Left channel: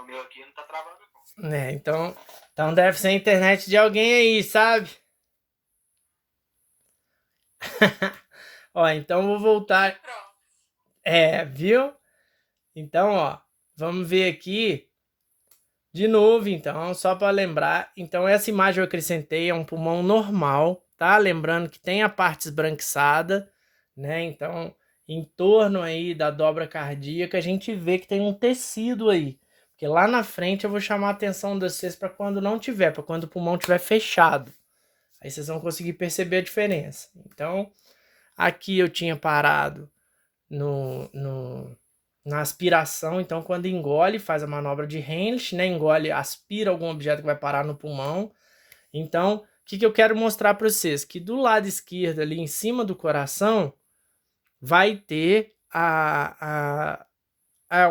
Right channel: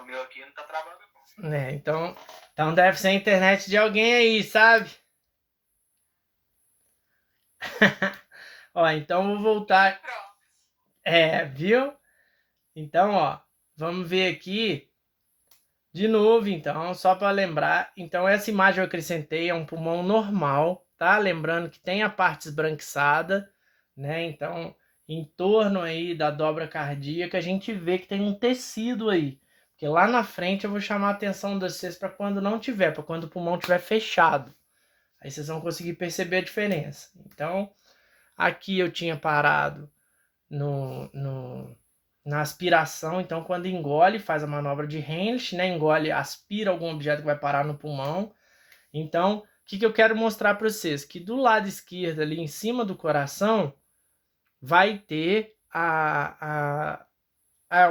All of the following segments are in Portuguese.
No meu aqui não tá travando, não. Né? Então deve ser a internet de alguém aí, sabe? Ó, então vou E voltar. pronto. Viu? Então, ó, vamos ver aqui de novo, então, só para lembrar. Então, essa imagem eu acrescentei, é um pulmão normal, tá? Lembrando que tem a parte esbranquiçada, né? Então, em torno aí da dobra cardíaca, a gente vê que tem um tecido aí. Porque lá na frente eu vou chamar a atenção de vocês para quando não tiver, para quando o pulmão estiver fechado. Aí vocês vão conseguir perceber a diferença. Então, aqui eu tinha parado na aspiração. Então, quando engole, faz a manobra de Henrich, né? Engole, aspira algum objeto que vai parar no pulmão. Então, o que eu quero mostrar para vocês? Que do lado esquerdo, ali em cima do coração, vai ter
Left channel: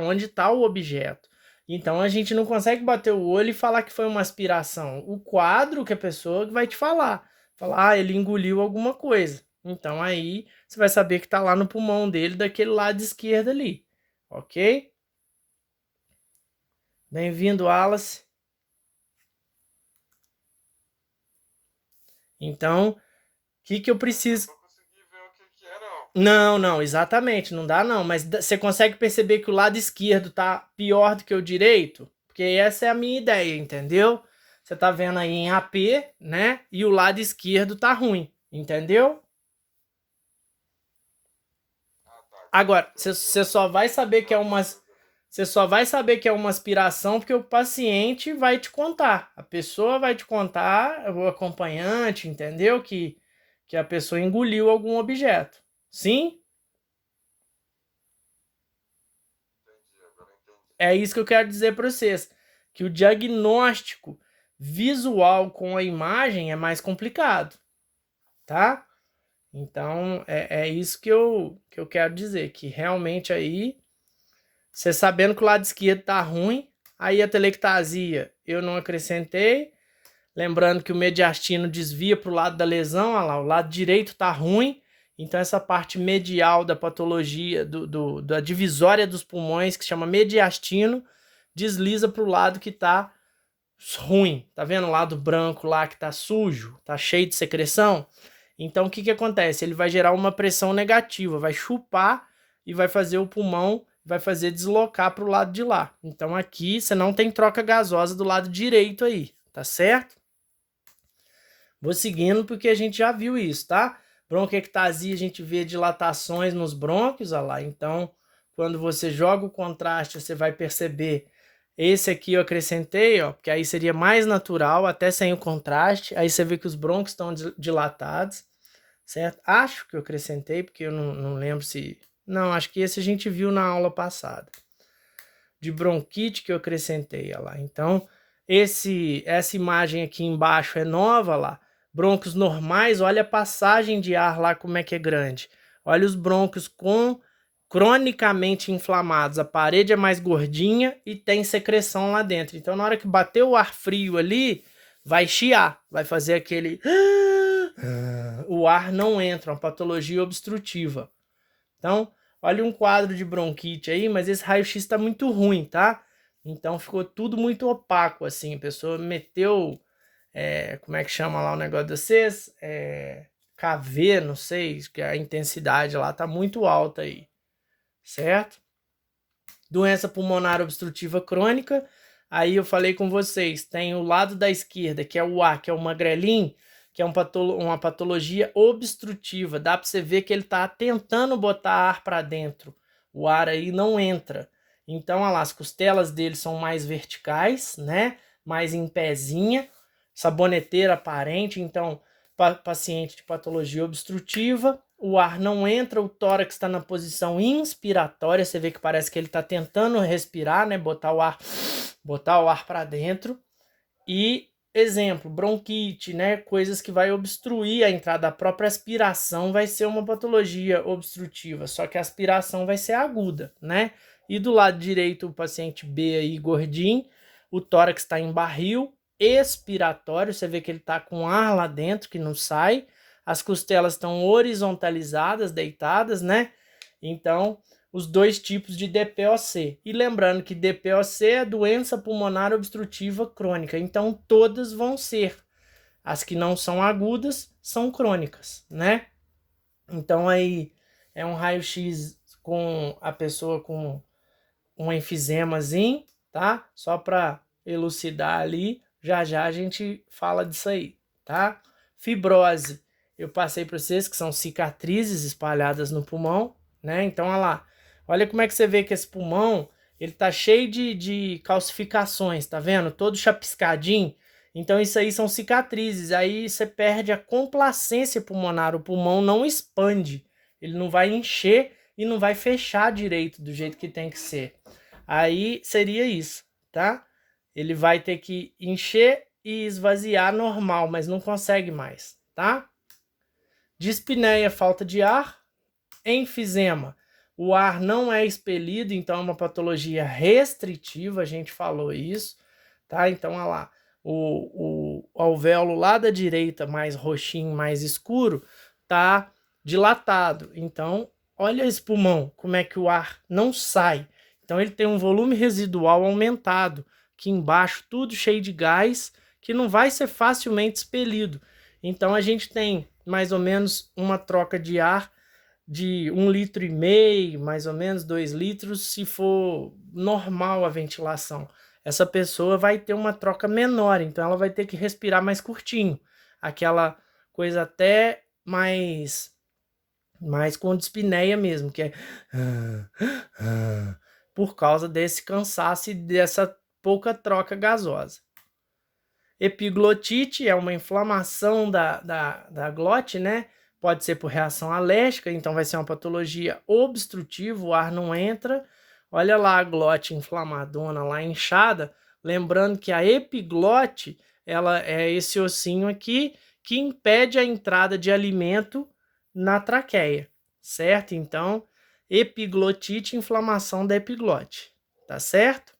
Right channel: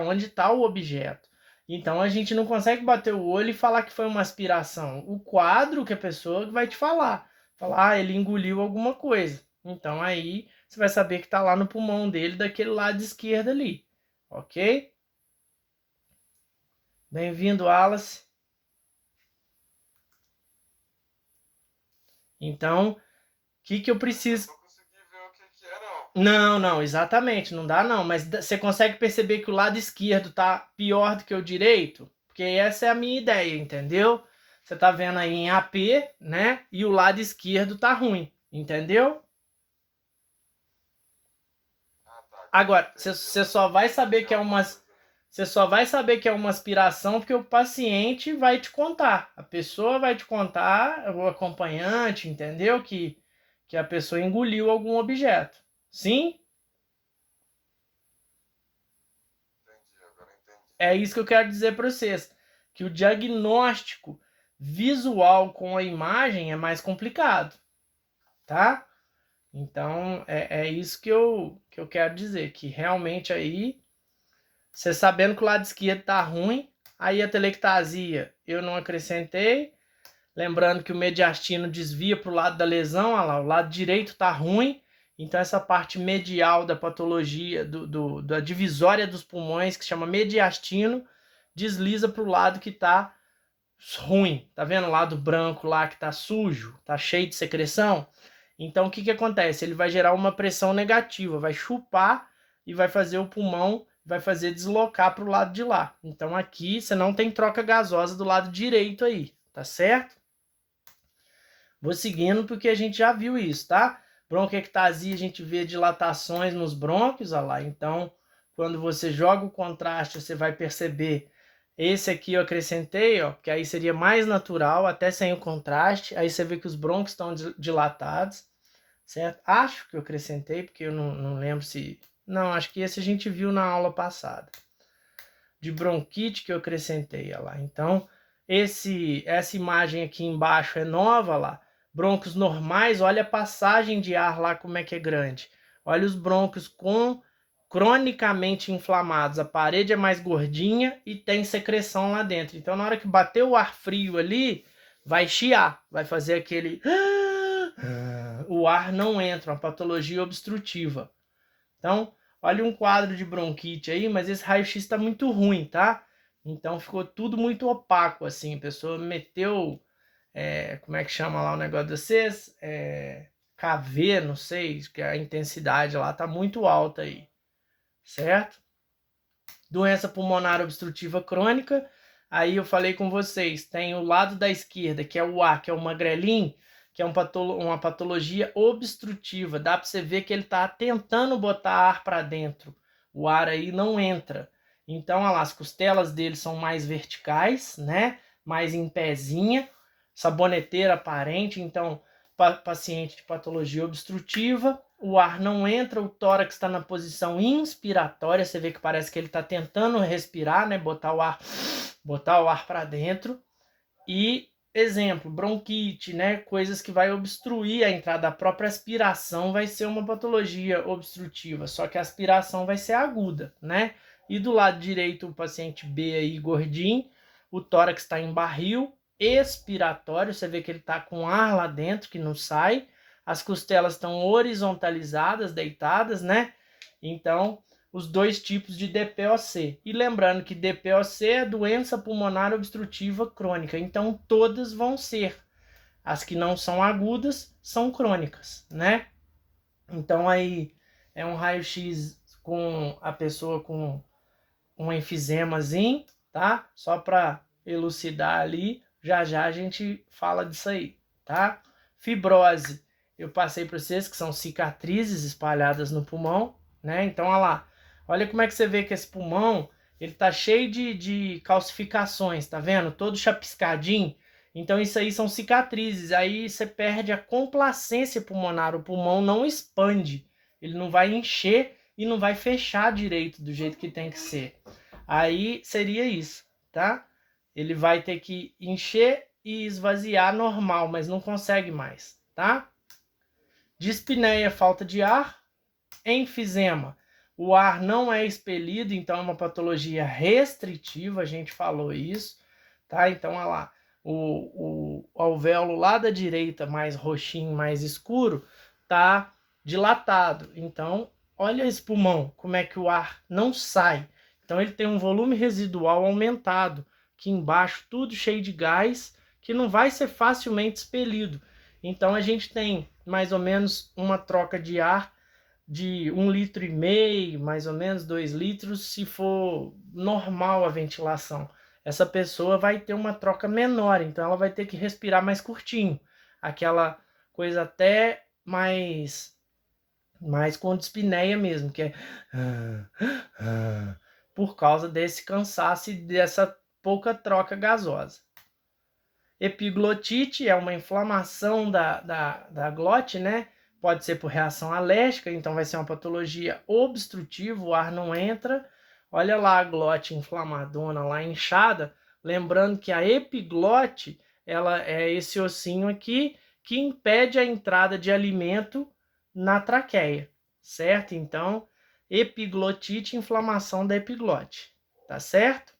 onde está o objeto. Então, a gente não consegue bater o olho e falar que foi uma aspiração. O quadro que a pessoa vai te falar. Falar, ele engoliu alguma coisa. Então, aí você vai saber que está lá no pulmão dele, daquele lado esquerdo ali. Ok? Bem-vindo, Wallace. Então, o que eu preciso... Eu não consegui ver o que é, não. Não, exatamente, não dá não. Mas você consegue perceber que o lado esquerdo tá pior do que o direito? Porque essa é a minha ideia, entendeu? Você tá vendo aí em AP, né? E o lado esquerdo tá ruim, entendeu? Ah, tá. Agora, Entendi. você só vai saber que é Alguma uma... coisa ali. Você só vai saber que é uma aspiração porque o paciente vai te contar. A pessoa vai te contar, o acompanhante, entendeu? Que a pessoa engoliu algum objeto. Sim? Entendi, agora entendi. É isso que eu quero dizer para vocês. Que o diagnóstico visual com a imagem é mais complicado. Tá? Então, é isso que eu quero dizer. Que realmente aí, você sabendo que o lado esquerdo tá ruim, aí a telectasia eu não acrescentei. Lembrando que o mediastino desvia para o lado da lesão, olha lá, o lado direito está ruim, então essa parte medial da patologia, da divisória dos pulmões, que chama mediastino, desliza para o lado que está ruim. Tá vendo o lado branco lá que está sujo, está cheio de secreção? Então o que acontece? Ele vai gerar uma pressão negativa, vai chupar e vai fazer o pulmão, vai fazer deslocar para o lado de lá. Então aqui você não tem troca gasosa do lado direito aí, tá certo? Vou seguindo porque a gente já viu isso, tá? Bronquiectasia, a gente vê dilatações nos brônquios, olha lá. Então, quando você joga o contraste, você vai perceber. Esse aqui eu acrescentei, ó, porque aí seria mais natural, até sem o contraste. Aí você vê que os brônquios estão dilatados, certo? Acho que eu acrescentei, porque eu não lembro se... Não, acho que esse a gente viu na aula passada. De bronquite que eu acrescentei, olha lá. Então, essa imagem aqui embaixo é nova, lá. Brônquios normais, olha a passagem de ar lá como é que é grande. Olha os brônquios cronicamente inflamados. A parede é mais gordinha e tem secreção lá dentro. Então, na hora que bater o ar frio ali, vai chiar, vai fazer aquele... O ar não entra, uma patologia obstrutiva. Então, olha um quadro de bronquite aí, mas esse raio-x está muito ruim, tá? Então ficou tudo muito opaco, assim. A pessoa meteu, como é que chama lá o negócio de vocês? KV, não sei, que a intensidade lá tá muito alta aí, certo? Doença pulmonar obstrutiva crônica, aí eu falei com vocês, tem o lado da esquerda, que é o A, que é o magrelinho, que é uma patologia obstrutiva. Dá para você ver que ele está tentando botar ar para dentro. O ar aí não entra. Então, olha lá, as costelas dele são mais verticais, né? Mais em pezinha, saboneteira aparente. Então, paciente de patologia obstrutiva, o ar não entra, o tórax está na posição inspiratória, você vê que parece que ele está tentando respirar, né? Botar o ar para dentro. E exemplo, bronquite, né? Coisas que vai obstruir a entrada. A própria aspiração vai ser uma patologia obstrutiva, só que a aspiração vai ser aguda, né? E do lado direito, o paciente B aí, gordinho, o tórax está em barril expiratório, você vê que ele está com ar lá dentro que não sai, as costelas estão horizontalizadas, deitadas, né? Então, os dois tipos de DPOC. E lembrando que DPOC é doença pulmonar obstrutiva crônica, então todas vão ser. As que não são agudas são crônicas, né? Então aí é um raio-x com a pessoa com um enfisemazinho, tá? Só para elucidar ali, já já a gente fala disso aí, tá? Fibrose, eu passei para vocês que são cicatrizes espalhadas no pulmão, né? Então, olha lá, olha como é que você vê que esse pulmão, ele tá cheio de calcificações, tá vendo? Todo chapiscadinho. Então, isso aí são cicatrizes. Aí você perde a complacência pulmonar, o pulmão não expande, ele não vai encher e não vai fechar direito do jeito que tem que ser. Aí seria isso, tá? Ele vai ter que encher e esvaziar normal, mas não consegue mais, tá? Dispneia, falta de ar. Enfisema, o ar não é expelido, então é uma patologia restritiva, a gente falou isso, tá? Então, olha lá, o alvéolo lá da direita, mais roxinho, mais escuro, tá dilatado. Então, olha esse pulmão, como é que o ar não sai. Então, ele tem um volume residual aumentado, que embaixo tudo cheio de gás, que não vai ser facilmente expelido. Então, a gente tem mais ou menos uma troca de ar de 1,5 litro, mais ou menos 2 litros, se for normal a ventilação. Essa pessoa vai ter uma troca menor, então ela vai ter que respirar mais curtinho. Aquela coisa até mais com dispneia mesmo, que é por causa desse cansaço e dessa pouca troca gasosa. Epiglotite é uma inflamação da glote, né? Pode ser por reação alérgica, então vai ser uma patologia obstrutiva, o ar não entra. Olha lá a glote inflamadona, lá inchada. Lembrando que a epiglote, ela é esse ossinho aqui que impede a entrada de alimento na traqueia, certo? Então, epiglotite, inflamação da epiglote, tá certo?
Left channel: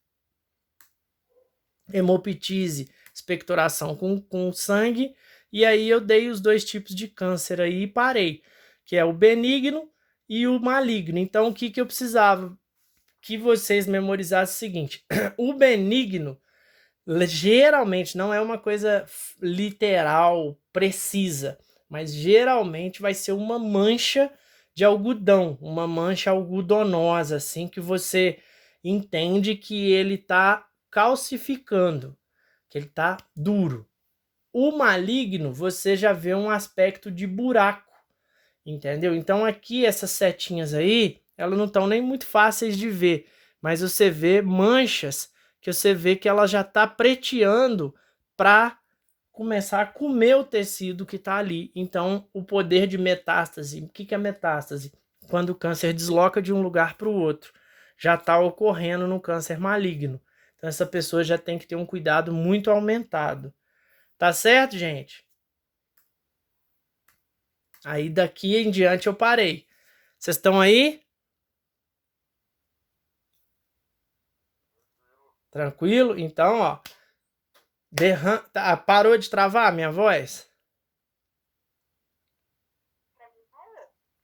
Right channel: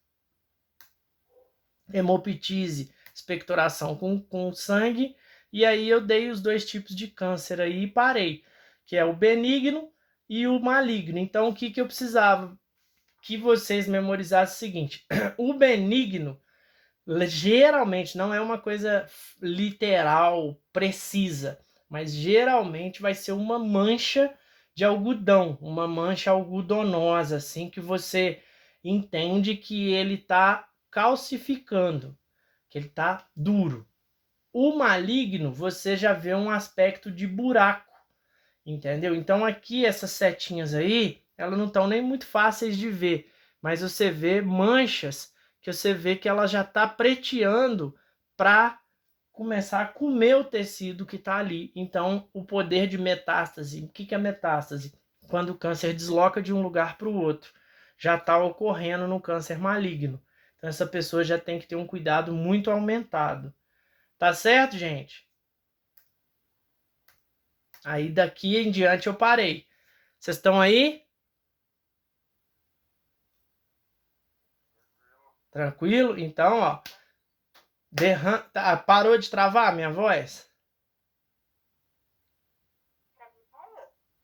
Hemoptise, expectoração com sangue, e aí eu dei os dois tipos de câncer aí e parei, que é o benigno e o maligno. Então, o que eu precisava que vocês memorizassem o seguinte: o benigno geralmente não é uma coisa literal, precisa, mas geralmente vai ser uma mancha de algodão, uma mancha algodonosa, assim, que você entende que ele está calcificando, que ele está duro. O maligno, você já vê um aspecto de buraco, entendeu? Então aqui essas setinhas aí, elas não estão nem muito fáceis de ver, mas você vê manchas que você vê que ela já está preteando para começar a comer o tecido que está ali. Então o poder de metástase, o que é metástase? Quando o câncer desloca de um lugar para o outro, já está ocorrendo no câncer maligno. Então essa pessoa já tem que ter um cuidado muito aumentado. Tá certo, gente? Aí daqui em diante eu parei. Vocês estão aí? Tranquilo? Então, ó. Parou de travar a minha voz?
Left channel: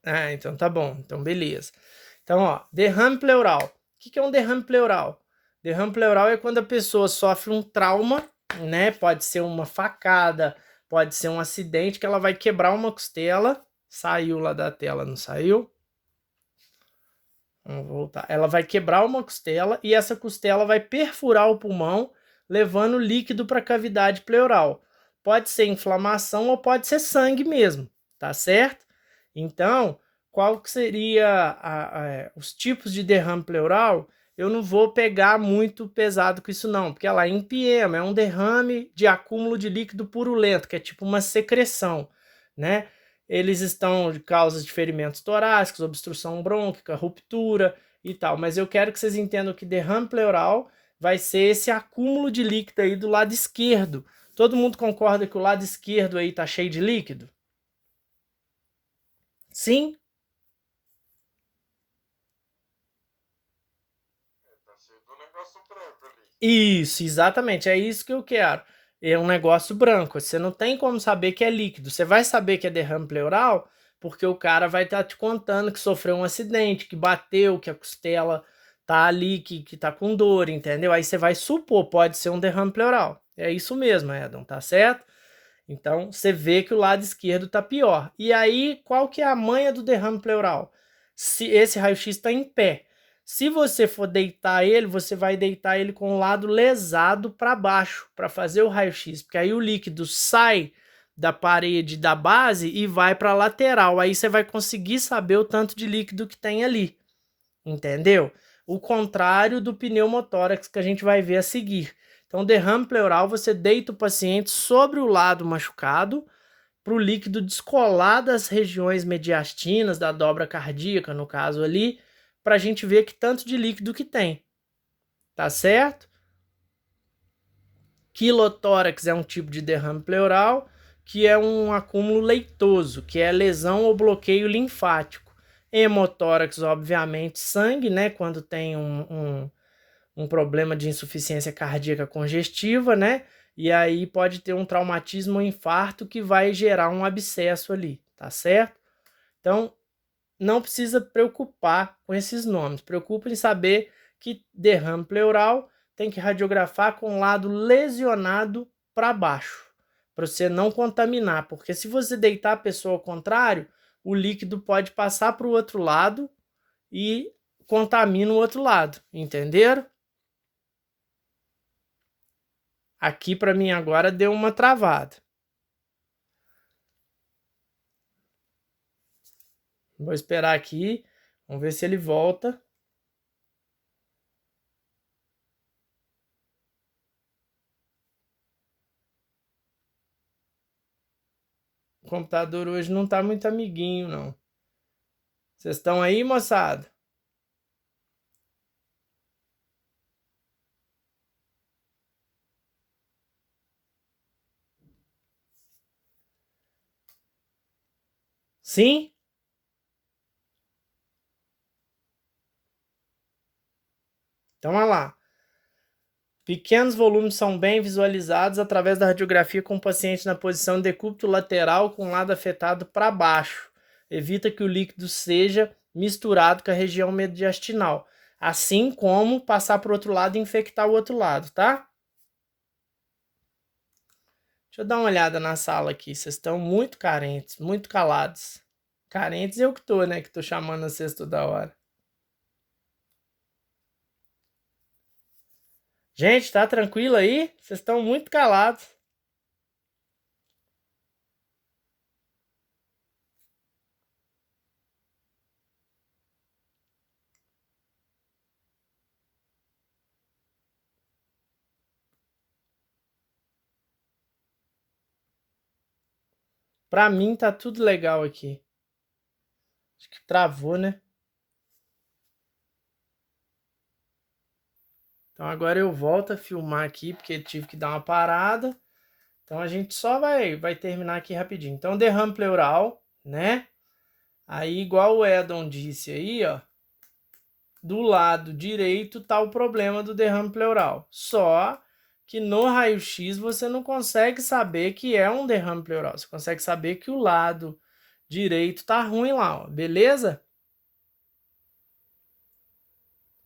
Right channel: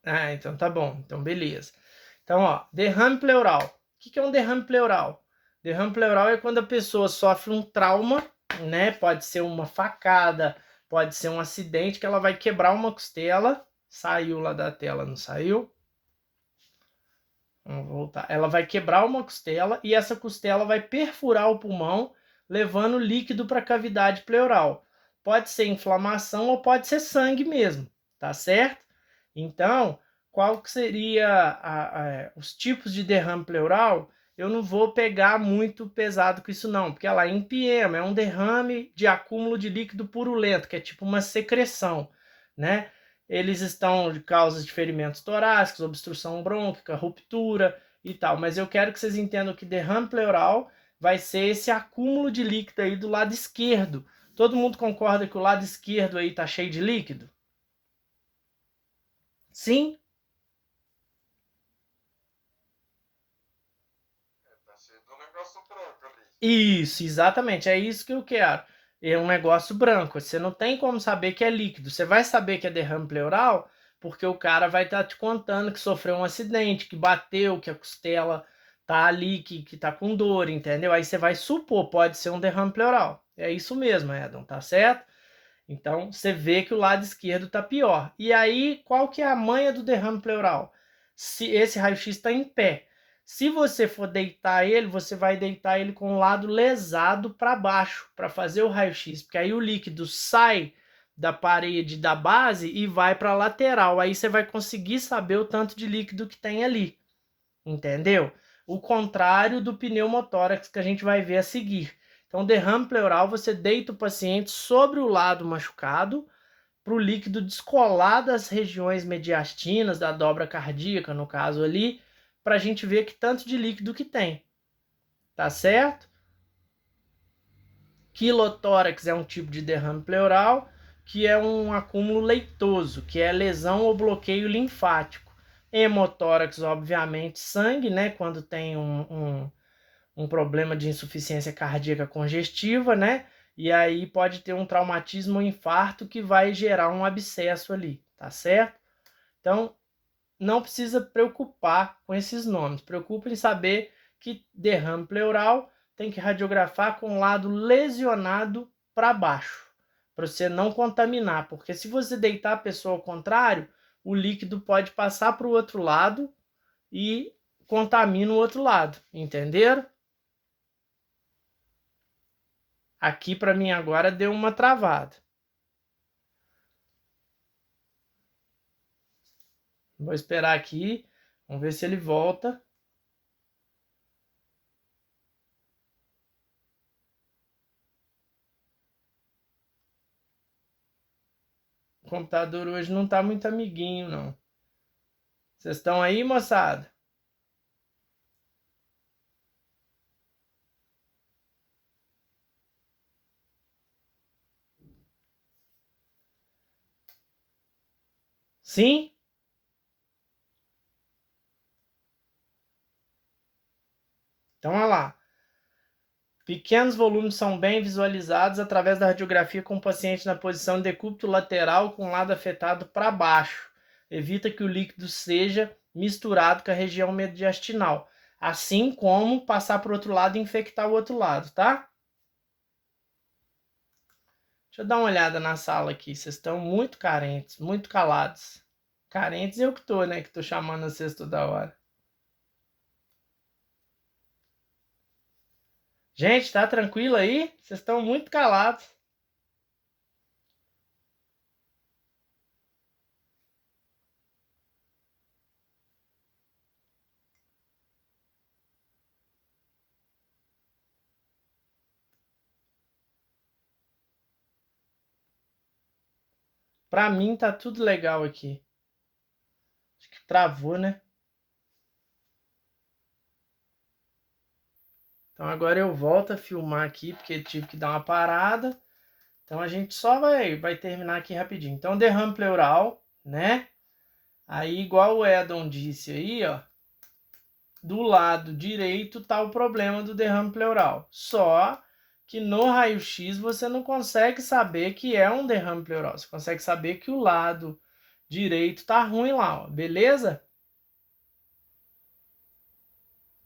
Ah, então tá bom. Então, beleza. Então, ó, derrame pleural. O que é um derrame pleural? Derrame pleural é quando a pessoa sofre um trauma, né? Pode ser uma facada, pode ser um acidente que ela vai quebrar uma costela. Saiu lá da tela, não saiu? Vamos voltar. Ela vai quebrar uma costela e essa costela vai perfurar o pulmão, levando líquido para a cavidade pleural. Pode ser inflamação ou pode ser sangue mesmo, tá certo? Então, qual que seria os tipos de derrame pleural? Eu não vou pegar muito pesado com isso não, porque lá empiema, é um derrame de acúmulo de líquido purulento, que é tipo uma secreção, né? Eles estão de causas de ferimentos torácicos, obstrução brônquica, ruptura e tal. Mas eu quero que vocês entendam que derrame pleural vai ser esse acúmulo de líquido aí do lado esquerdo. Todo mundo concorda que o lado esquerdo aí tá cheio de líquido? Sim? Tá cheio do negócio branco ali. Isso, exatamente. É isso que eu quero. É um negócio branco. Você não tem como saber que é líquido. Você vai saber que é derrame pleural porque o cara vai estar te contando que sofreu um acidente, que bateu, que a costela tá ali, que tá com dor, entendeu? Aí você vai supor, pode ser um derrame pleural. É isso mesmo, Edon, tá certo? Então, você vê que o lado esquerdo tá pior. E aí, qual que é a manha do derrame pleural? Se esse raio-x está em pé. Se você for deitar ele, você vai deitar ele com o lado lesado para baixo, para fazer o raio-x, porque aí o líquido sai da parede da base e vai para a lateral. Aí você vai conseguir saber o tanto de líquido que tem ali. Entendeu? O contrário do pneumotórax que a gente vai ver a seguir. Então, derrame pleural, você deita o paciente sobre o lado machucado para o líquido descolar das regiões mediastinas, da dobra cardíaca, no caso ali, para a gente ver que tanto de líquido que tem. Tá certo? Quilotórax é um tipo de derrame pleural, que é um acúmulo leitoso, que é lesão ou bloqueio linfático. Hemotórax, obviamente, sangue, né? Quando tem um problema de insuficiência cardíaca congestiva, né? E aí pode ter um traumatismo ou infarto que vai gerar um abscesso ali, tá certo? Então, não precisa preocupar com esses nomes. Preocupa em saber que derrame pleural tem que radiografar com o lado lesionado para baixo, para você não contaminar, porque se você deitar a pessoa ao contrário, o líquido pode passar para o outro lado e contamina o outro lado, entenderam? Aqui para mim agora deu uma travada. Vou esperar aqui, vamos ver se ele volta. O computador hoje não tá muito amiguinho, não. Vocês estão aí, moçada? Sim? Então, olha lá. Pequenos volumes são bem visualizados através da radiografia com o paciente na posição decúbito lateral com o lado afetado para baixo. Evita que o líquido seja misturado com a região mediastinal, assim como passar para o outro lado e infectar o outro lado, tá? Deixa eu dar uma olhada na sala aqui. Vocês estão muito carentes, muito calados. Carentes eu que tô, né? Que tô chamando vocês toda hora. Gente, tá tranquilo aí? Vocês estão muito calados. Pra mim tá tudo legal aqui. Acho que travou, né? Então agora eu volto a filmar aqui, porque tive que dar uma parada. Então a gente só vai terminar aqui rapidinho. Então derrame pleural, né? Aí igual o Edon disse aí, ó. Do lado direito tá o problema do derrame pleural. Só que no raio-x você não consegue saber que é um derrame pleural. Você consegue saber que o lado direito tá ruim lá, ó. Beleza?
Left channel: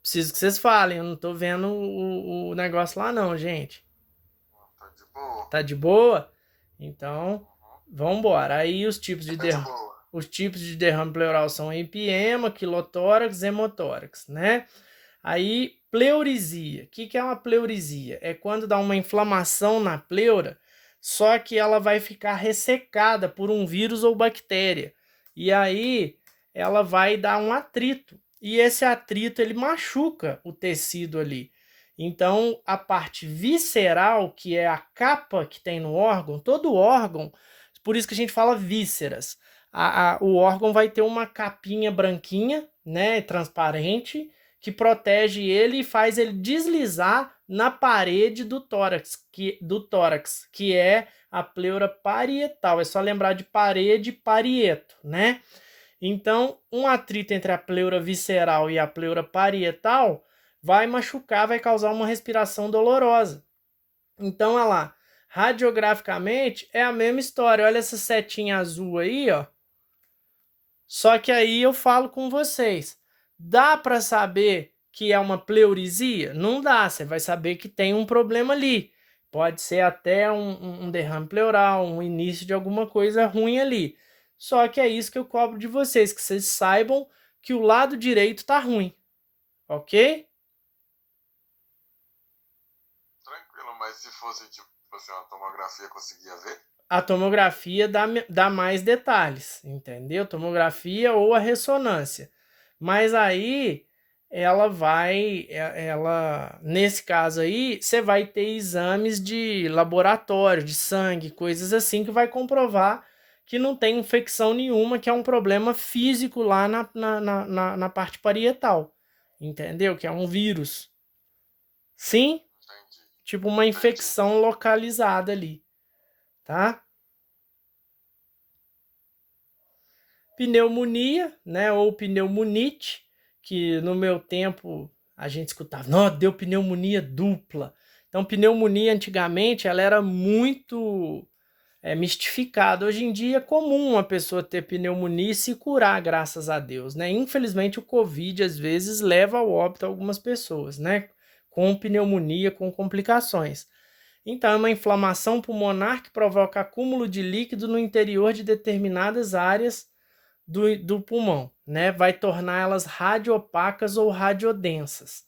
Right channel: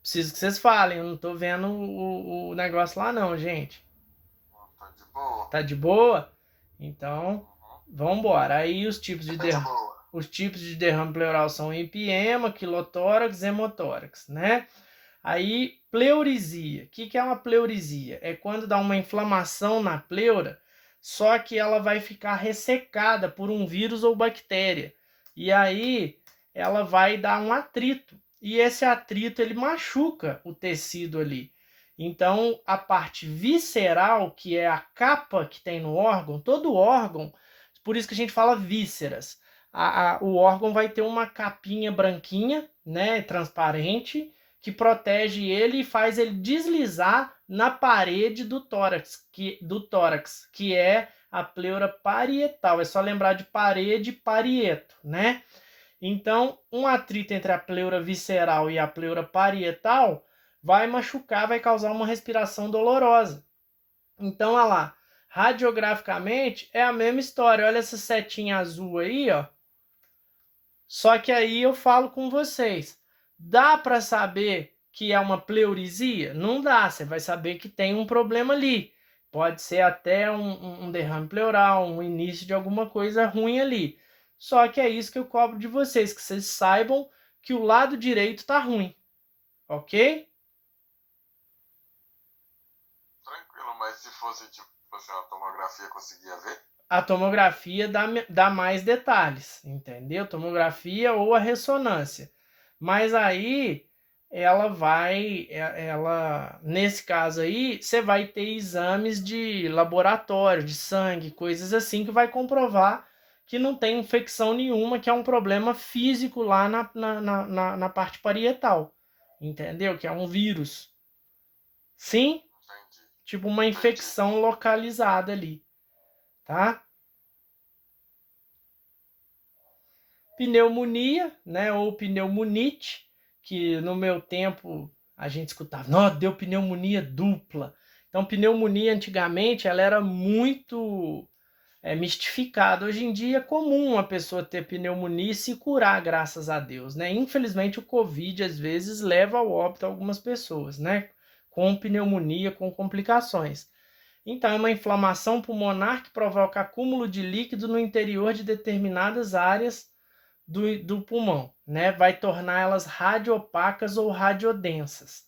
Preciso que vocês falem, eu não tô vendo o negócio lá não, gente. Tá de boa. Tá de boa? Então, Uhum. vamos embora. Aí os tipos de Tá de boa. os tipos de derrame pleural são empiema, quilotórax, hemotórax, né? Aí, pleurisia. O que é uma pleurisia? É quando dá uma inflamação na pleura, só que ela vai ficar ressecada por um vírus ou bactéria. E aí, ela vai dar um atrito. E esse atrito, ele machuca o tecido ali. Então, a parte visceral, que é a capa que tem no órgão, todo órgão, por isso que a gente fala vísceras. O órgão vai ter uma capinha branquinha, né, transparente, que protege ele e faz ele deslizar na parede do tórax, que é a pleura parietal. É só lembrar de parede e parieto, né? Então, um atrito entre a pleura visceral e a pleura parietal vai machucar, vai causar uma respiração dolorosa. Então, olha lá, radiograficamente é a mesma história. Olha essa setinha azul aí, ó. Só que aí eu falo com vocês, dá para saber que é uma pleurisia? Não dá, você vai saber que tem um problema ali. Pode ser até um derrame pleural, um início de alguma coisa ruim ali. Só que é isso que eu cobro de vocês, que vocês saibam que o lado direito tá ruim, ok? Tranquilo, mas se fosse tipo assim, uma tomografia conseguia ver? A tomografia dá mais detalhes, entendeu? Tomografia ou a ressonância. Mas aí nesse caso aí, você vai ter exames de laboratório, de sangue, coisas assim, que vai comprovar que não tem infecção nenhuma, que é um problema físico lá na parte parietal, entendeu? Que é um vírus. Sim, Entendi. tipo uma Entendi. infecção localizada ali, tá? Pneumonia, né, ou pneumonite, que no meu tempo a gente escutava, não, deu pneumonia dupla. Então, pneumonia antigamente ela era muito mistificada. Hoje em dia é comum uma pessoa ter pneumonia e se curar, graças a Deus, né? Infelizmente o Covid às vezes leva ao óbito algumas pessoas, né? Com pneumonia, com complicações. Então, é uma inflamação pulmonar que provoca acúmulo de líquido no interior de determinadas áreas do pulmão, né? Vai tornar elas radiopacas ou radiodensas.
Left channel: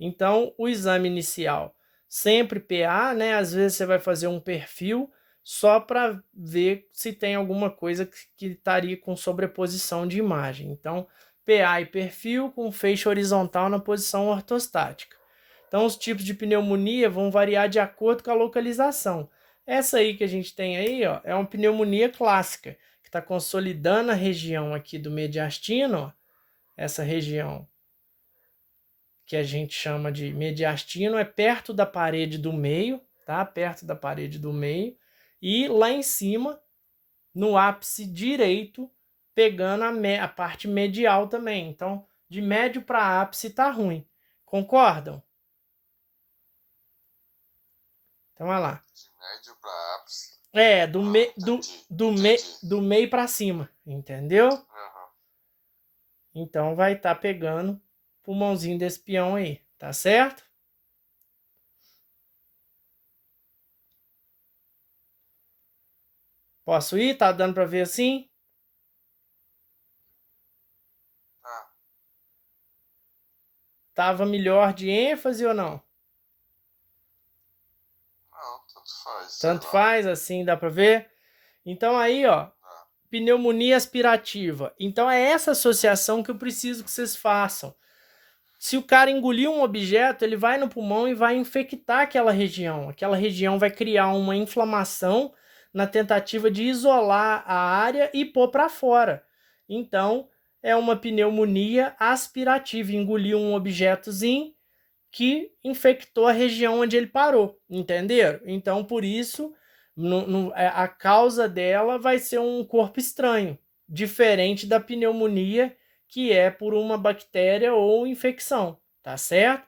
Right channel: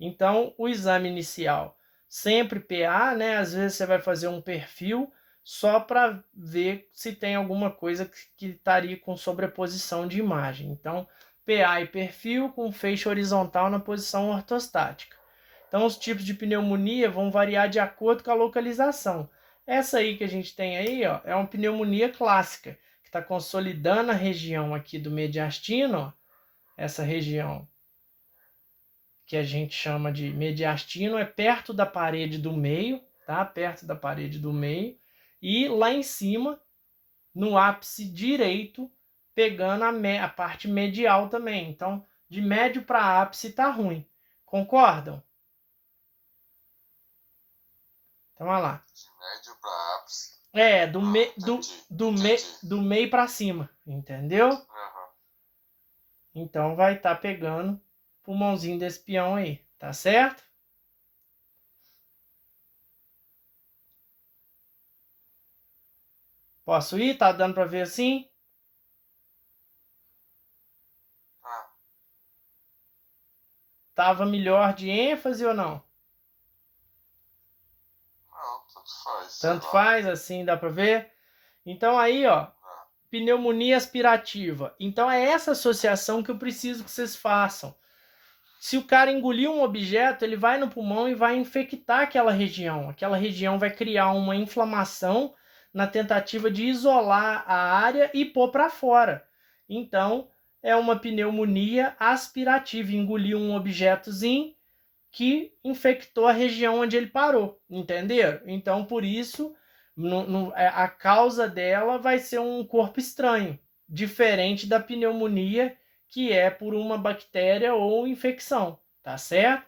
Então, o exame inicial, sempre PA, né? Às vezes você vai fazer um perfil só para ver se tem alguma coisa que estaria com sobreposição de imagem. Então, PA e perfil com feixe horizontal na posição ortostática. Então, os tipos de pneumonia vão variar de acordo com a localização. Essa aí que a gente tem aí, ó, é uma pneumonia clássica, que está consolidando a região aqui do mediastino, ó, essa região que a gente chama de mediastino é perto da parede do meio, tá? Perto da parede do meio. E lá em cima, no ápice direito, pegando a parte medial também. Então, de médio para ápice tá ruim. Concordam? Então, olha lá. De médio para ápice. É, do, me, do, Entendi. do, me, Entendi. do meio para cima, entendeu? Aham. Então vai estar pegando o pulmãozinho desse peão aí, tá certo? Posso ir? Tá dando para ver assim? Ah, Tava melhor de ênfase ou não? não, tanto faz, sei Tanto lá. faz, assim dá para ver? Então aí, ó, Ah, pneumonia aspirativa. Então é essa associação que eu preciso que vocês façam. Se o cara engolir um objeto, ele vai no pulmão e vai infectar aquela região. Aquela região vai criar uma inflamação na tentativa de isolar a área e pôr para fora. Então, é uma pneumonia aspirativa. Engoliu um objetozinho que infectou a região onde ele parou. Entenderam? Então, por isso, a causa dela vai ser um corpo estranho, diferente da pneumonia que é por uma bactéria ou infecção, tá certo?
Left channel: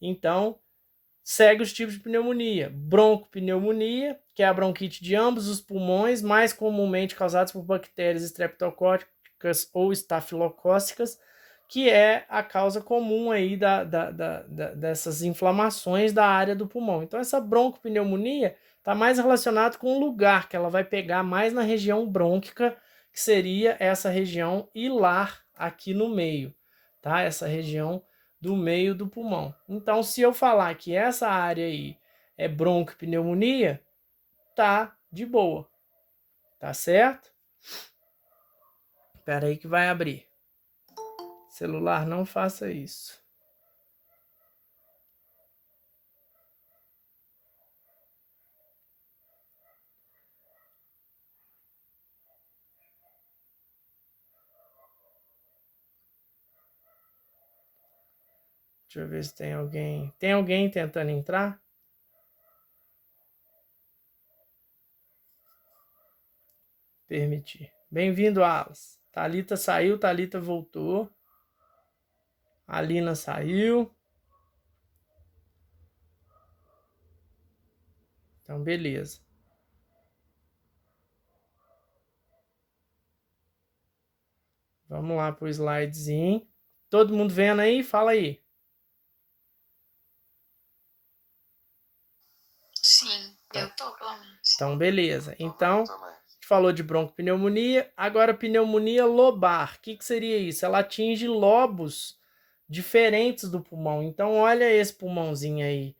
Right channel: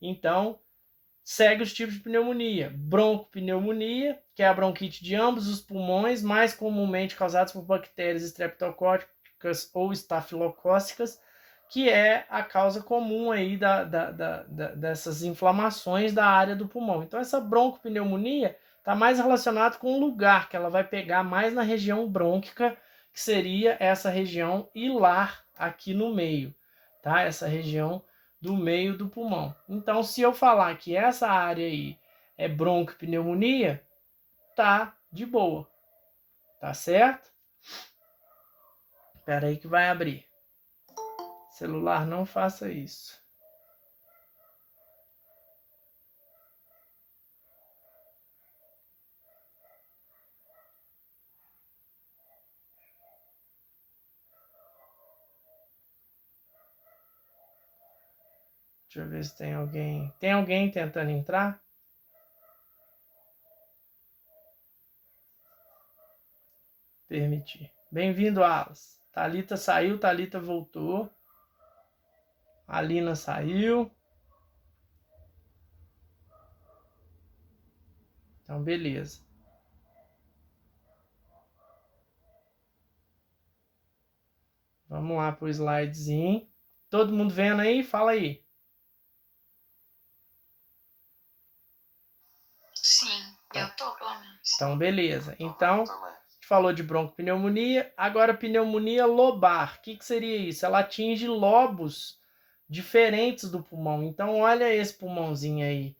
Então, segue os tipos de pneumonia. Broncopneumonia, que é a bronquite de ambos os pulmões, mais comumente causadas por bactérias estreptocóccicas ou estafilocócicas, que é a causa comum aí dessas inflamações da área do pulmão. Então, essa broncopneumonia está mais relacionada com o lugar, que ela vai pegar mais na região brônquica, que seria essa região hilar aqui no meio, tá? Essa região do meio do pulmão. Então, se eu falar que essa área aí é bronquopneumonia, tá de boa, tá certo? Espera aí que vai abrir. Celular, não faça isso. Deixa eu ver se tem alguém. Tem alguém tentando entrar? Permitir. Bem-vindo, Alas. Thalita saiu, Thalita voltou. Alina saiu. Então, beleza. Vamos lá pro slidezinho. Todo mundo vendo aí? Fala aí. Sim, eu tô, pelo menos. Então, beleza. Tô Então, vendo também. a gente falou de broncopneumonia. Agora, pneumonia lobar. O que seria isso? Ela atinge lobos diferentes do pulmão. Então, olha esse pulmãozinho aí.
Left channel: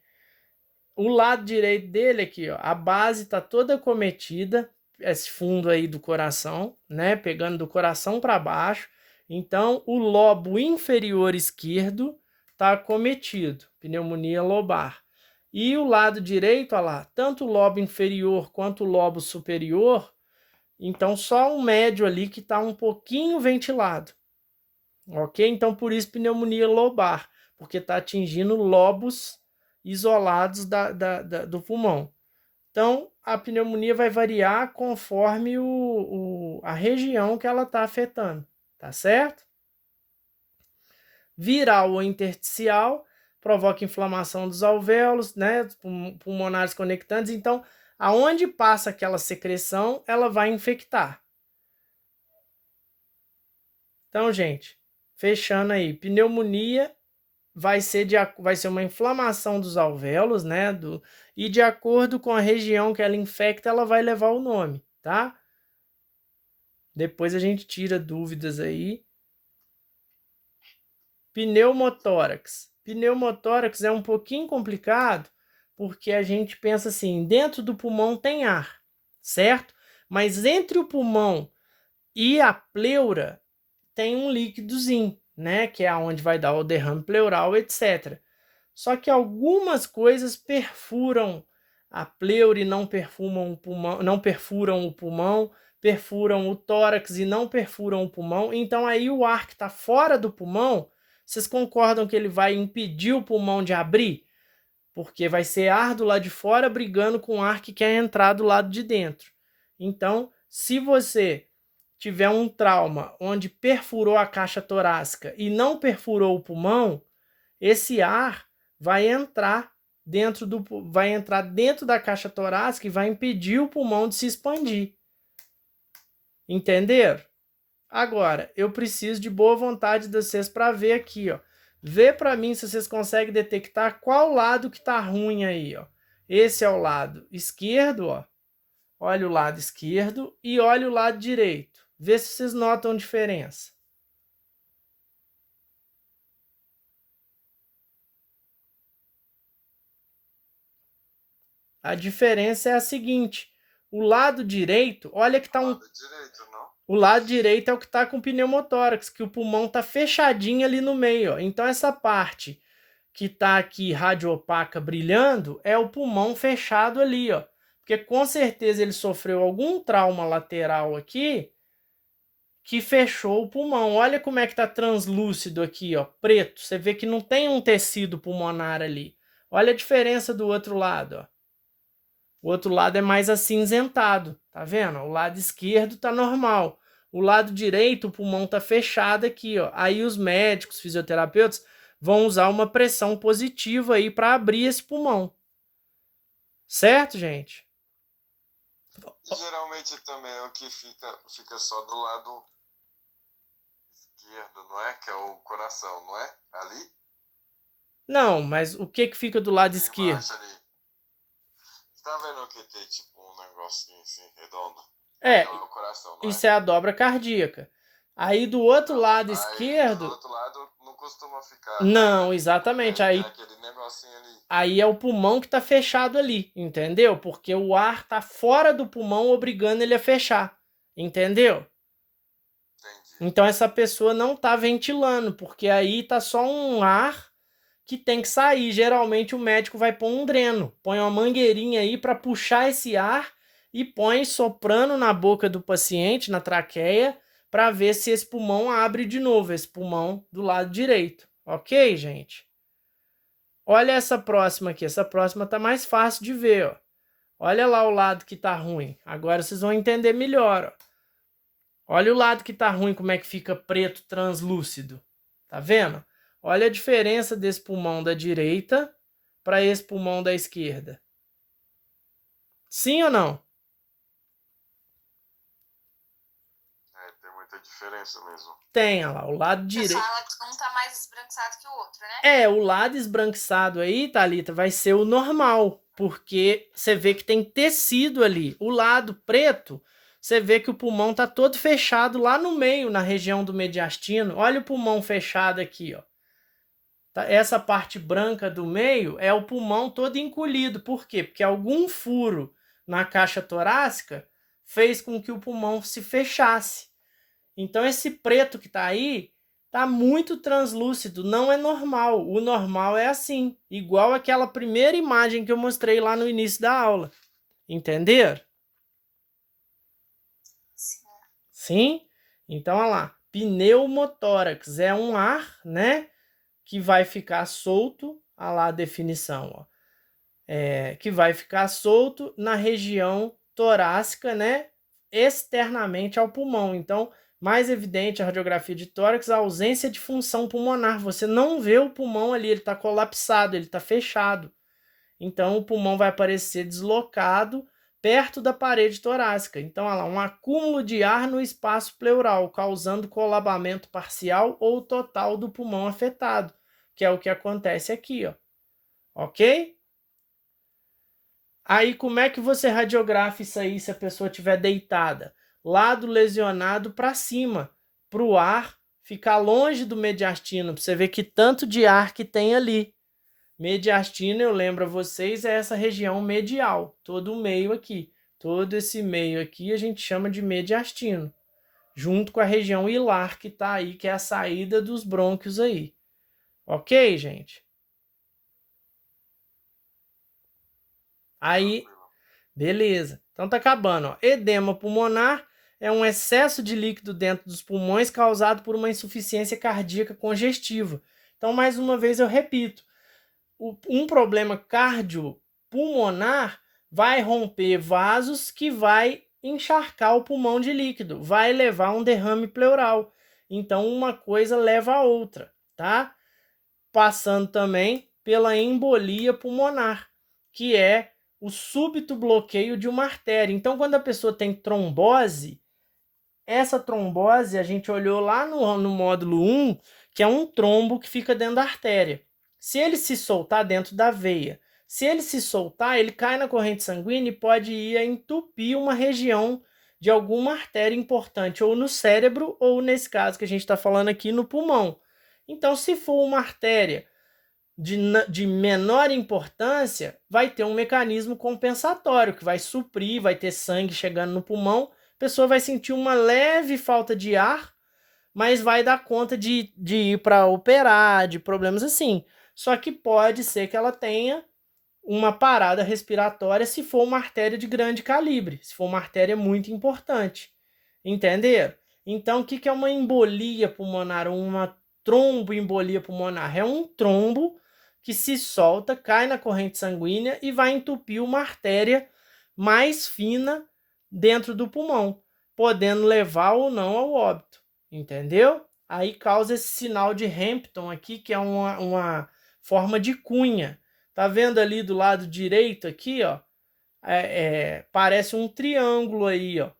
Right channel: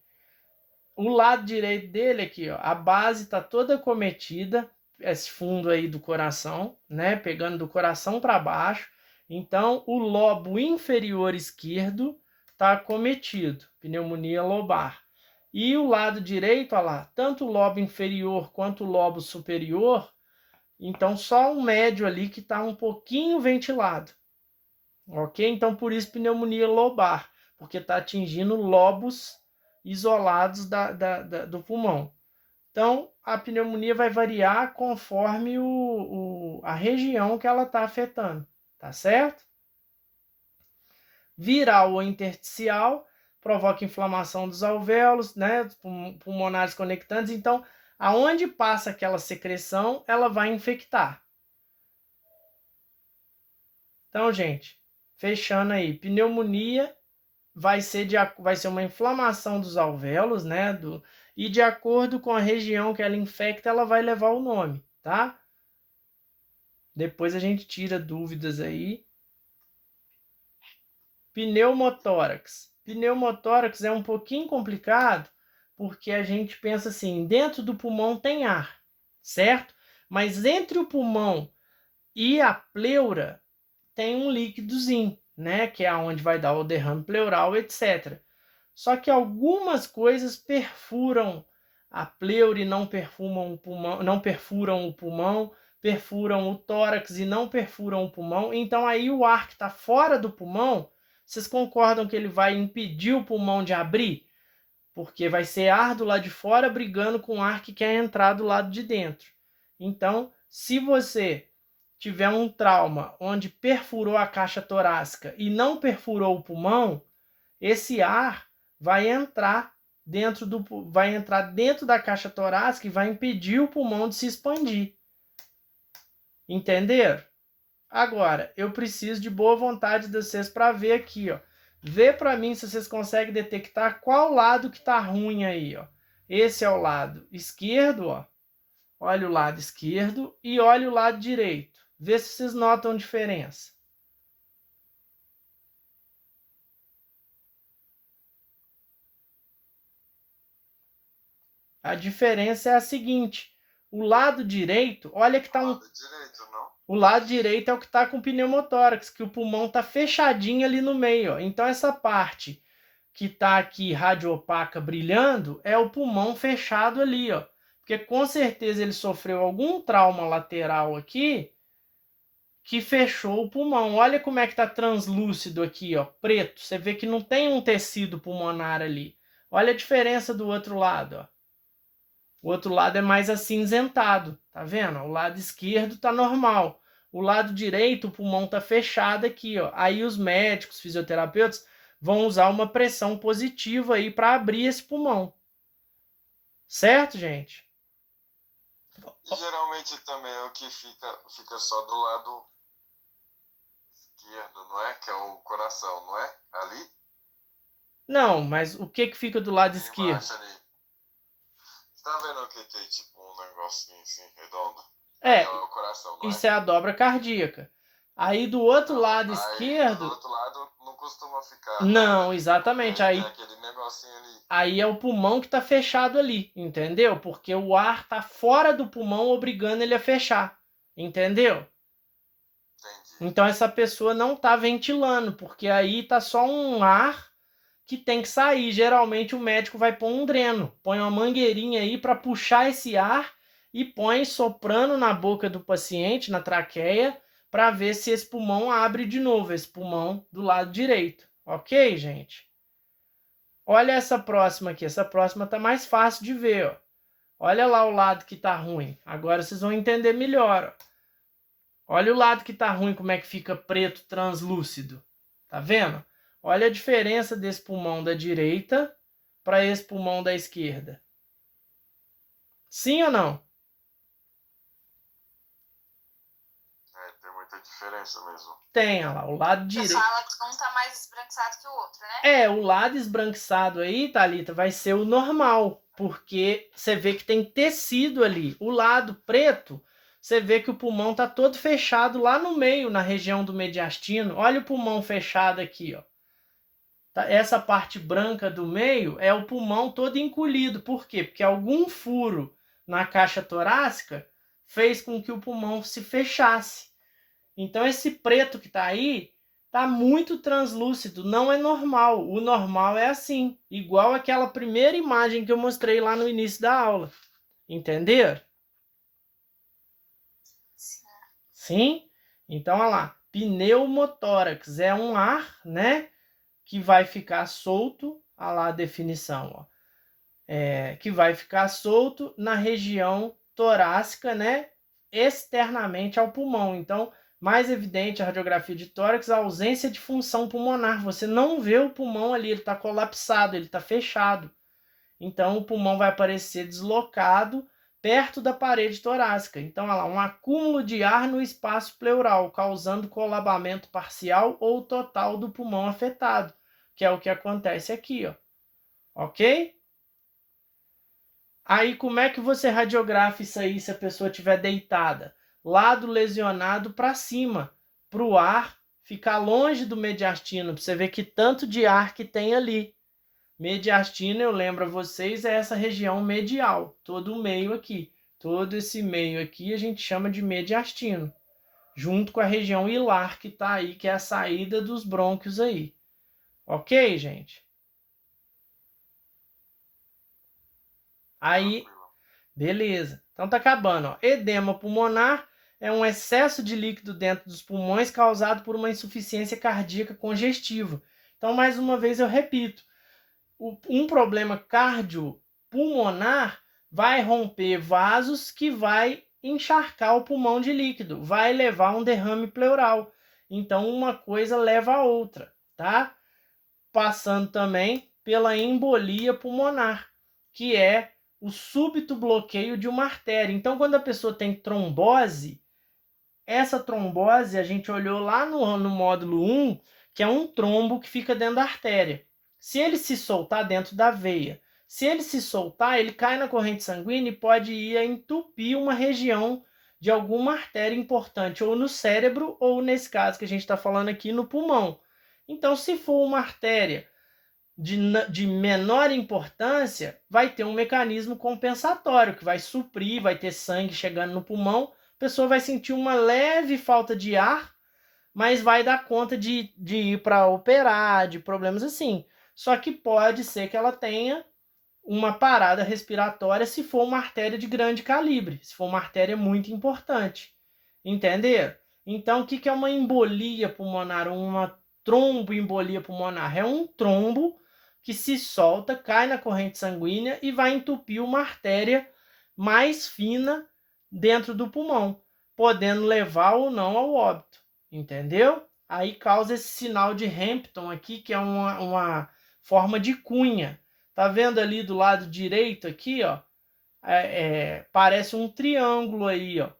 O lado direito dele aqui, ó, a base está toda acometida, esse fundo aí do coração, né, pegando do coração para baixo. Então, o lobo inferior esquerdo está acometido, pneumonia lobar. E o lado direito, olha lá, tanto o lobo inferior quanto o lobo superior, então só um médio ali que está um pouquinho ventilado, ok? Então, por isso pneumonia lobar, porque está atingindo lobos isolados do pulmão. Então, a pneumonia vai variar conforme a região que ela está afetando, tá certo? Viral ou intersticial provoca inflamação dos alvéolos, né, pulmonares conectantes. Então, aonde passa aquela secreção, ela vai infectar. Então, gente, fechando aí, pneumonia vai ser uma inflamação dos alvéolos, né? E de acordo com a região que ela infecta, ela vai levar o nome, tá? Depois a gente tira dúvidas aí. Pneumotórax. Pneumotórax é um pouquinho complicado, porque a gente pensa assim, dentro do pulmão tem ar, certo? Mas entre o pulmão e a pleura tem um líquidozinho, né? Que é onde vai dar o derrame pleural, etc. Só que algumas coisas perfuram a pleura e não perfumam o pulmão, não perfuram o pulmão, perfuram o tórax e não perfuram o pulmão. Então aí o ar que está fora do pulmão, vocês concordam que ele vai impedir o pulmão de abrir? Porque vai ser ar do lado de fora brigando com o ar que quer entrar do lado de dentro. Então, se você tiver um trauma onde perfurou a caixa torácica e não perfurou o pulmão, esse ar vai entrar dentro da caixa torácica e vai impedir o pulmão de se expandir. Entenderam? Agora, eu preciso de boa vontade de vocês para ver aqui, ó. Vê para mim se vocês conseguem detectar qual lado que tá ruim aí, ó. Esse é o lado esquerdo, ó. Olha o lado esquerdo e olha o lado direito. Vê se vocês notam diferença. A diferença é a seguinte: o lado direito, olha que tá um. O lado direito é o que tá com pneumotórax, que o pulmão tá fechadinho ali no meio, ó. Então essa parte que tá aqui radioopaca brilhando é o pulmão fechado ali, ó. Porque com certeza ele sofreu algum trauma lateral aqui que fechou o pulmão. Olha como é que tá translúcido aqui, ó, preto. Você vê que não tem um tecido pulmonar ali. Olha a diferença do outro lado, ó. O outro lado é mais acinzentado, tá vendo? O lado esquerdo tá normal. O lado direito, o pulmão tá fechado aqui, ó. Aí os médicos, fisioterapeutas vão usar uma pressão positiva aí para abrir esse pulmão. Certo, gente? E geralmente também é o que fica só do lado esquerdo, não é? Que é o coração, não é? Ali? Não, mas o que fica do lado esquerdo? Ali. Você tá vendo o que é tipo um negocinho assim, redondo? É, é o coração, não isso é a dobra cardíaca. Aí do outro lado Aí, esquerdo. do outro lado não costuma ficar Não, nada, exatamente. porque tem Aí, aquele negocinho ali. aí é o pulmão que tá fechado ali, entendeu? Porque o ar tá fora do pulmão, obrigando ele a fechar. Entendeu? Entendi. Então essa pessoa não tá ventilando, porque aí tá só um ar que tem que sair. Geralmente o médico vai pôr um dreno, põe uma mangueirinha aí para puxar esse ar e põe soprando na boca do paciente, na traqueia, para ver se esse pulmão abre de novo, esse pulmão do lado direito. Ok, gente? Olha essa próxima aqui. Essa próxima tá mais fácil de ver, ó. Olha lá o lado que tá ruim. Agora vocês vão entender melhor, ó. Olha o lado que tá ruim, como é que fica preto translúcido. Tá vendo? Olha a diferença desse pulmão da direita para esse pulmão da esquerda. Sim ou não? Tem muita diferença mesmo. Tem, olha lá, o lado Você direito. fala que um tá mais esbranquiçado que o outro, né? O lado esbranquiçado aí, Thalita, vai ser o normal, porque você vê que tem tecido ali. O lado preto, você vê que o pulmão tá todo fechado lá no meio, na região do mediastino. Olha o pulmão fechado aqui, ó. Essa parte branca do meio é o pulmão todo encolhido. Por quê? Porque algum furo na caixa torácica fez com que o pulmão se fechasse. Então esse preto que está aí está muito translúcido, não é normal. O normal é assim, igual aquela primeira imagem que eu mostrei lá no início da aula. Entenderam? Sim. Sim? Então, olha lá. Pneumotórax é um ar, né? Que vai ficar solto, olha lá a definição, ó. Que vai ficar solto na região torácica, né? Externamente ao pulmão. Então, mais evidente a radiografia de tórax, a ausência de função pulmonar. Você não vê o pulmão ali, ele está colapsado, ele está fechado. Então, o pulmão vai aparecer deslocado perto da parede torácica. Então, olha lá, um acúmulo de ar no espaço pleural, causando colabamento parcial ou total do pulmão afetado, que é o que acontece aqui, ó. Ok? Aí, como é que você radiografa isso aí se a pessoa estiver deitada? Lado lesionado para cima, para o ar ficar longe do mediastino, para você ver que tanto de ar que tem ali. Mediastino, eu lembro a vocês, é essa região medial, todo o meio aqui. Todo esse meio aqui a gente chama de mediastino, junto com a região hilar que está aí, que é a saída dos brônquios aí. Ok, gente? Aí, beleza. Então tá acabando, ó. Edema pulmonar é um excesso de líquido dentro dos pulmões causado por uma insuficiência cardíaca congestiva. Então, mais uma vez eu repito, um problema cardiopulmonar vai romper vasos que vai encharcar o pulmão de líquido, vai levar a um derrame pleural. Então, uma coisa leva a outra, tá? Passando também pela embolia pulmonar, que é o súbito bloqueio de uma artéria. Então, quando a pessoa tem trombose, essa trombose a gente olhou lá no módulo 1, que é um trombo que fica dentro da artéria. Se ele se soltar dentro da veia, se ele se soltar, ele cai na corrente sanguínea e pode ir a entupir uma região de alguma artéria importante, ou no cérebro, ou nesse caso que a gente está falando aqui, no pulmão. Então, se for uma artéria de menor importância, vai ter um mecanismo compensatório que vai suprir, vai ter sangue chegando no pulmão, a pessoa vai sentir uma leve falta de ar, mas vai dar conta de ir para operar, de problemas assim. Só que pode ser que ela tenha uma parada respiratória se for uma artéria de grande calibre, se for uma artéria muito importante. Entenderam? Então, o que é uma embolia pulmonar, uma tromboembolia pulmonar? É um trombo que se solta, cai na corrente sanguínea e vai entupir uma artéria mais fina dentro do pulmão, podendo levar ou não ao óbito, entendeu? Aí causa esse sinal de Hampton aqui, que é uma forma de cunha. Tá vendo ali do lado direito aqui, ó? Parece um triângulo aí, ó.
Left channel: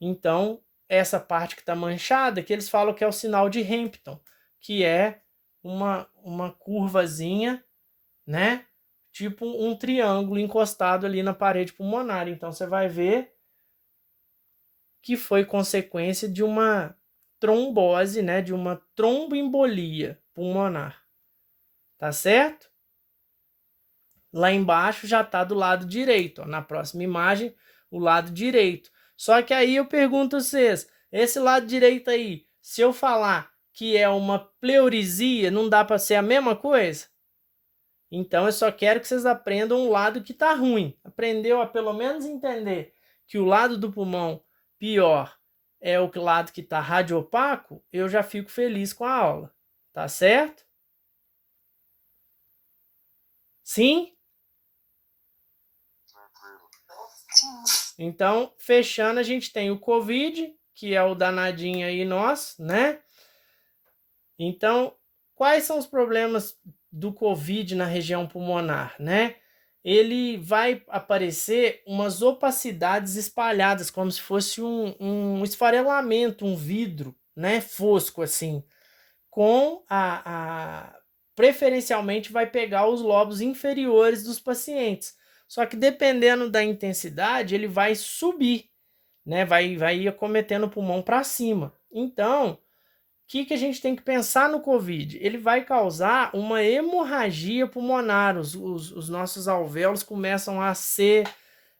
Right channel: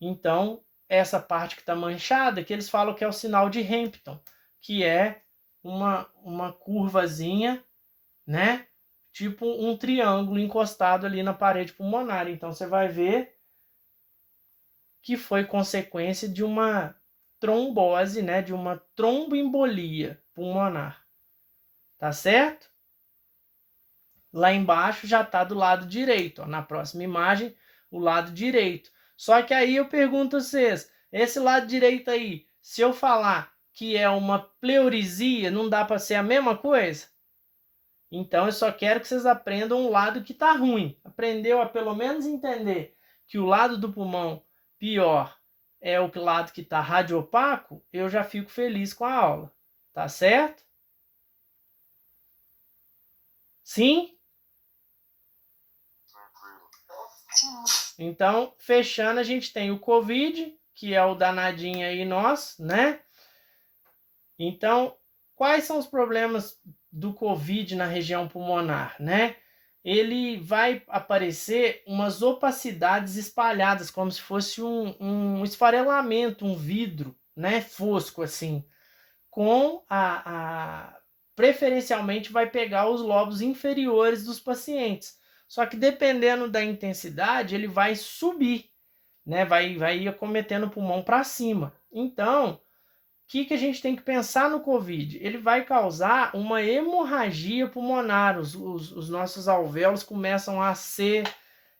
Então, essa parte que está manchada, que eles falam que é o sinal de Hampton, que é uma curvazinha, né? Tipo um triângulo encostado ali na parede pulmonar. Então, você vai ver que foi consequência de uma trombose, né? De uma tromboembolia pulmonar. Tá certo? Lá embaixo já está do lado direito, ó, na próxima imagem, o lado direito. Só que aí eu pergunto a vocês, esse lado direito aí, se eu falar que é uma pleurisia, não dá para ser a mesma coisa? Então eu só quero que vocês aprendam o lado que está ruim. Aprendeu a pelo menos entender que o lado do pulmão pior é o lado que está radiopaco, eu já fico feliz com a aula. Tá certo? Sim? Sim. Então, fechando, a gente tem o COVID, que é o danadinho aí nosso, né? Então, quais são os problemas do COVID na região pulmonar, né? ele vai aparecer umas opacidades espalhadas, como se fosse um esfarelamento, um vidro, né, fosco assim, com preferencialmente vai pegar os lobos inferiores dos pacientes. Só que dependendo da intensidade, ele vai subir, né, vai ir acometendo o pulmão para cima. Então, o que a gente tem que pensar no COVID? Ele vai causar uma hemorragia pulmonar, os nossos alvéolos começam a ser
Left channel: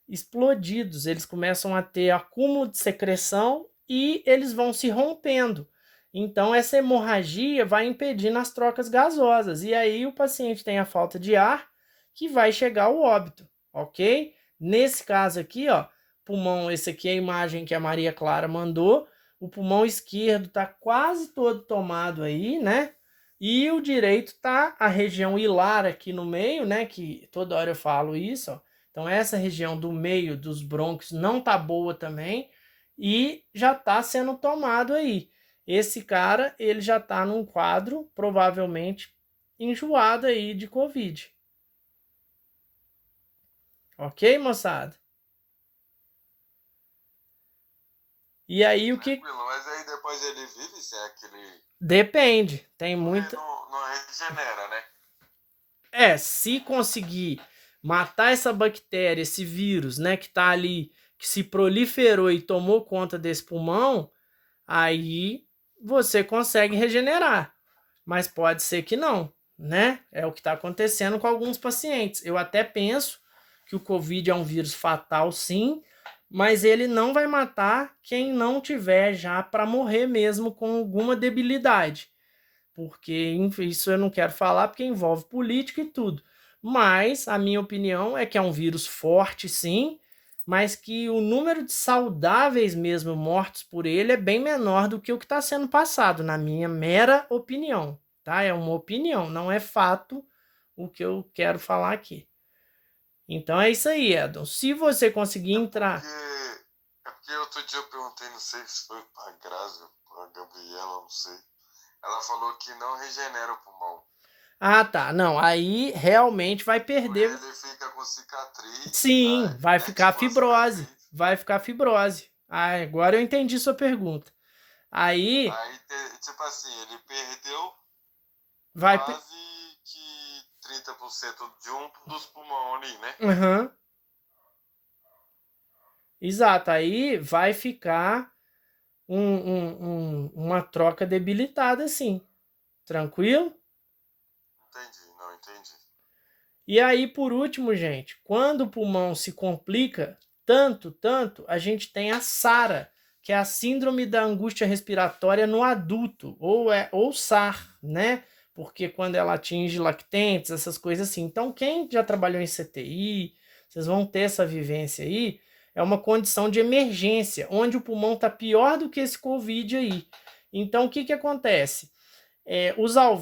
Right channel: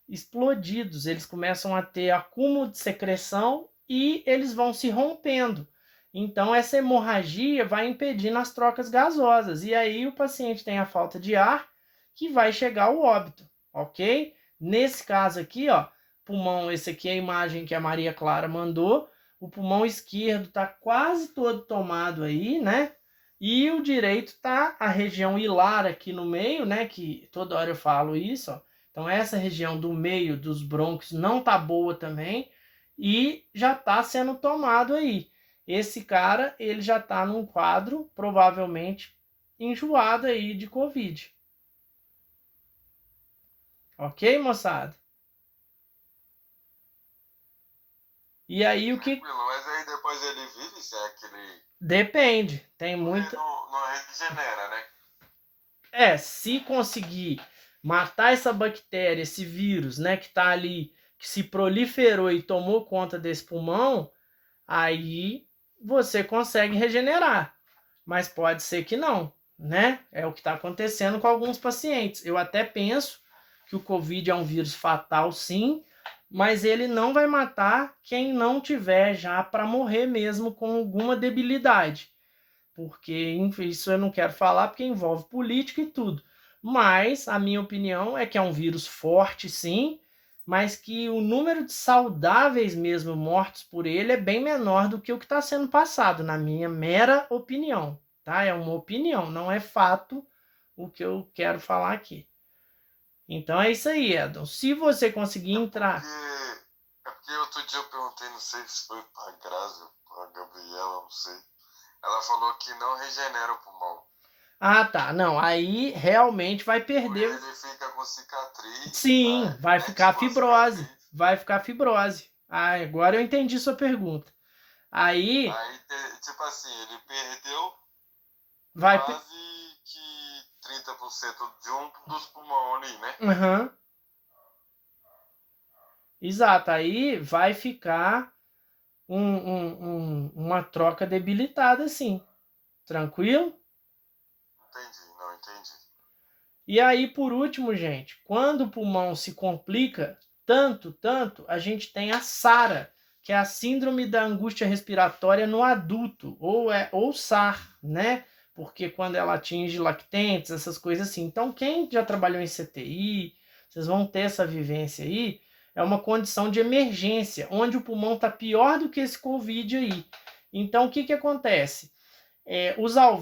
explodidos, eles começam a ter acúmulo de secreção e eles vão se rompendo. Então, essa hemorragia vai impedindo as trocas gasosas, e aí o paciente tem a falta de ar, que vai chegar ao óbito, ok? Nesse caso aqui, ó, pulmão, esse aqui é a imagem que a Maria Clara mandou, o pulmão esquerdo está quase todo tomado aí, né? E o direito tá a região hilar aqui no meio, né? Que toda hora eu falo isso, ó. Então essa região do meio dos brônquios não tá boa também e já tá sendo tomado aí. Esse cara, ele já tá num quadro provavelmente enjoado aí de COVID. Ok, moçada? E aí o que... Mas aí depois ele vira e se é aquele... Depende, tem muita... Não regenera, né? Se conseguir matar essa bactéria, esse vírus, né, que tá ali, que se proliferou e tomou conta desse pulmão, aí você consegue regenerar. Mas pode ser que não, né? É o que está acontecendo com alguns pacientes. Eu até penso que o COVID é um vírus fatal, sim, mas ele não vai matar quem não tiver já para morrer mesmo com alguma debilidade. Porque isso eu não quero falar porque envolve política e tudo. Mas a minha opinião é que é um vírus forte, sim, mas que o número de saudáveis mesmo mortos por ele é bem menor do que o que está sendo passado, na minha mera opinião, tá? É uma opinião, não é fato o que eu quero falar aqui. Então é isso aí, Edon. Se você conseguir entrar... É porque outro dia eu perguntei, não sei se foi pra Grazi ou pra Gabriela, não sei. Ela falou que não regenera o pulmão. Ah, tá. Não, aí realmente vai perder... Ele fica com cicatriz. Sim, vai né? ficar Tipo fibrose. cicatriz. Vai ficar fibrose. Ah, agora eu entendi sua pergunta. Aí tipo assim, ele perdeu vai... quase que 30% de um dos pulmões ali, né? Uhum. Exato, aí vai ficar uma troca debilitada, sim. Tranquilo? Entendi. E aí, por último, gente, quando o pulmão se complica tanto, a gente tem a SARA, que é a síndrome da angústia respiratória no adulto, ou SAR, né? Porque quando ela atinge lactentes, essas coisas assim. Então, quem já trabalhou em CTI, vocês vão ter essa vivência aí, é uma condição de emergência, onde o pulmão está pior do que esse COVID aí. Então, o que acontece? Os alvéolos